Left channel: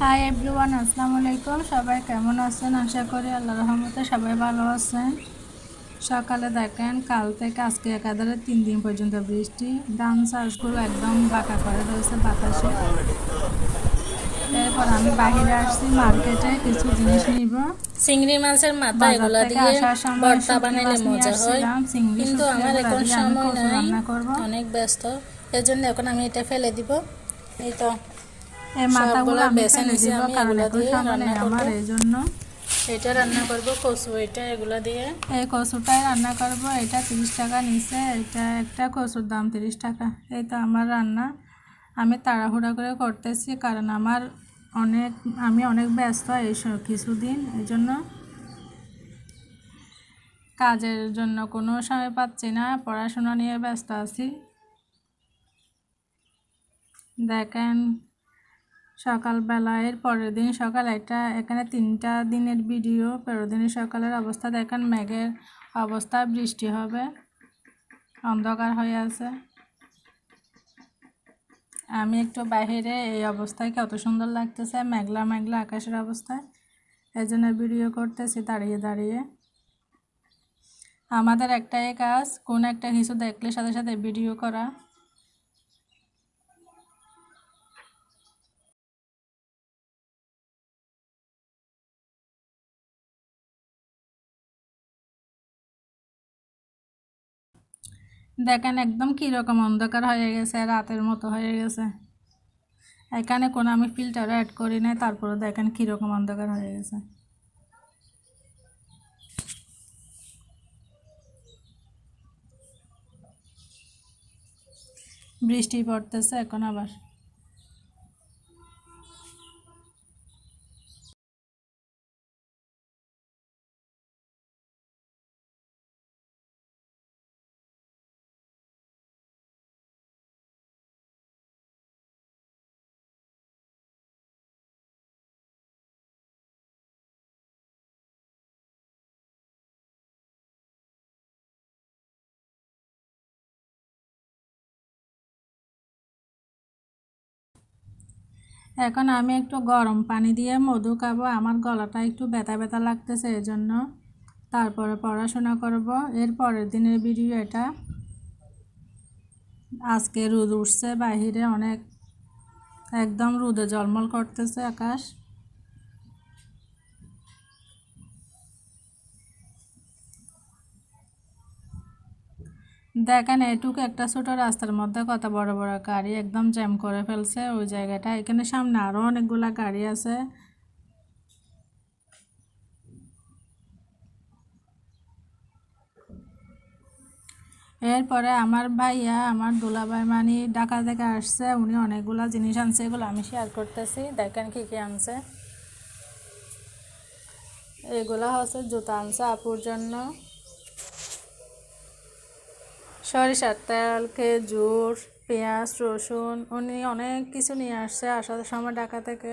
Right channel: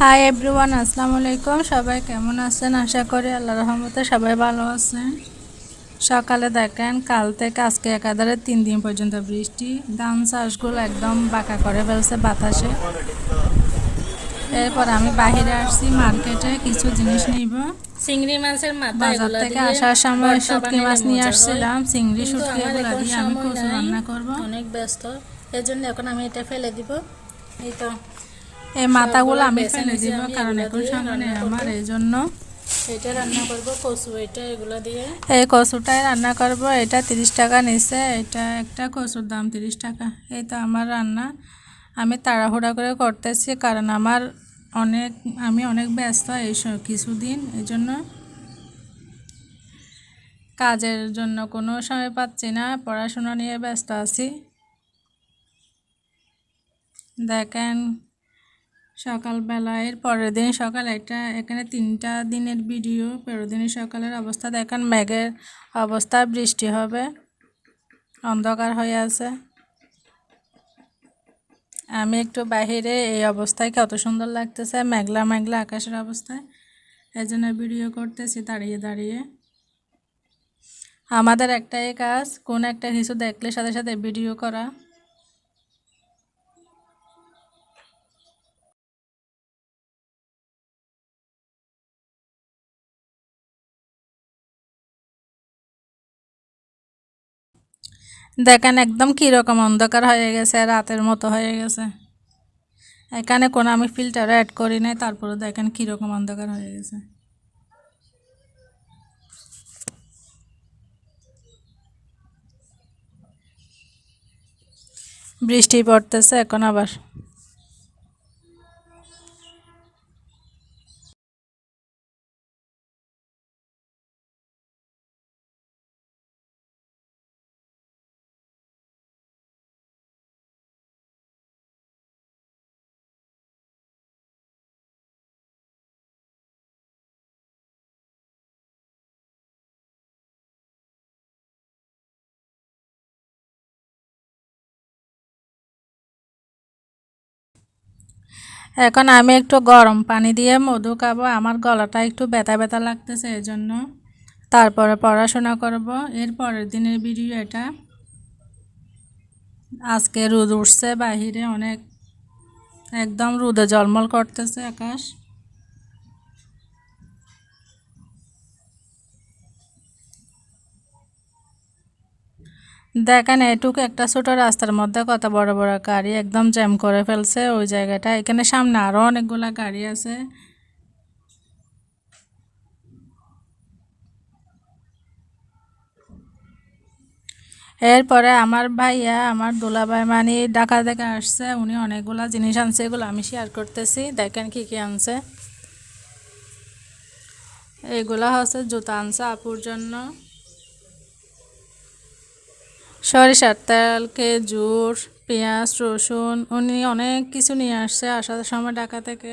Hi everyone, আসসালামু আলাইকুম। সবাই কেমন আছেন? আশা করি আল্লাহর রহমতে সবাই ভালো আছেন। সকালে দেখেন, কাল থেকে আজকে একাধারে 3 দিন পর্যন্ত বৃষ্টি। ধান চাষগুলো একদম বাঁকা করে ফেলছে বাতাসে। এরপর আমি বাহিরে আসছি মার্কেটে কিছু জিনিস নিব। চিংড়ি মাছের মাথা বাজার এগুলা থেকে দিয়ে আসার সময় ভর্তা শুটকি বানাইলে মাছ নিয়ে মজা হয়, আসছিলাম। চিংড়ি কিন্তু শুটকি আমার এগুলো এখন দিয়ে আমি সময় কচু নাই, রান্না করব। অনেক ব্যস্ত। এর জন্য এখন আমি এটা ফেলে দিব। এই তো এই মাথাগুলো সবগুলা আমি বেছে ফেলে নিছি, দিব, আমি কারণ এগুলা এখন দিয়ে সময় নেই রান্না করব। আমার, এই জন্য। এটা রান্না করব কচু, এটা এগুলা দিয়ে। এই কচুটাই রান্না করব। এটা 30 টাকা নিছে। এটা একটা কচুর দাম 30 টাকা। এই তো আমার রান্না। আমি তাড়াহুড়া করে করতেছি, কারণ আমি অনেক ব্যস্ত এই কিছুদিন, এই জন্য কাজের জন্য কোনো সময় পাচ্ছি না। পড়াশোনা নিয়ে ব্যস্ত আছি। দেখেন, সকালবেলা এর পরের দিন সকাল একটা, এখানে 3টা দিনের ভিডিও। পরের দিন সকালের অবস্থা দেখেন, মেঘের অবস্থা, বৃষ্টি হবে, অন্ধকার হয়ে আছে। আমি একটু বাহিরে, এই অবস্থায় কত সুন্দর লাগতেছে, মেঘলা মেঘলা আকাশের অবস্থায়। এই জন্য ভিডিও করতেছি দাঁড়িয়ে দাঁড়িয়ে। আমাদের একটাই কাজ, কোন একটা কিছু দেখলে সাথে সাথে ভিডিও করা। দেখেন একদম কীরকম অন্ধকার হয়ে গেছে, রাতের মতো হয়ে গেছে। এখানে কোনো আমি ফিল্টার অ্যাড করি নাই, তারপরে দেখেন কীরকম অন্ধকার হয়ে গেছে। বৃষ্টি পড়তেছে এখন আবার। এখন আমি একটু গরম পানি দিয়ে মধু খাবো। আমার গলাটা একটু ব্যথা ব্যথা লাগতেছে, এই জন্য। তারপরে পড়াশোনা করব। এর পরের দিনের ভিডিও এটা। আজকে রোদ উঠছে বাহিরে অনেক, একদম রোদে ঝলমল করতেছে আকাশ। দেখেন, এটুকু একটা ছোট রাস্তার মধ্যে কত বড় বড় গাড়ি একদম জ্যাম করে ফেলছে ওই জায়গাটা। এখানে সামনে আরও অনেকগুলা গাড়ি আছে। এরপরে আমার ভাইয়া, আমার দুলাভাই মানে ঢাকা থেকে আসছে, উনি অনেকগুলা জিনিস আনছে, এগুলো আমি শেয়ার করতেছি। দেখেন কি কি আনছে। এইগুলা হচ্ছে জুতা আনছে আপুর জন্য, সরিষার তেল, খেজুর, পেঁয়াজ, রসুন, উনি অনেক কিছু নিয়ে আসছে আসার সময় ঢাকা থেকে।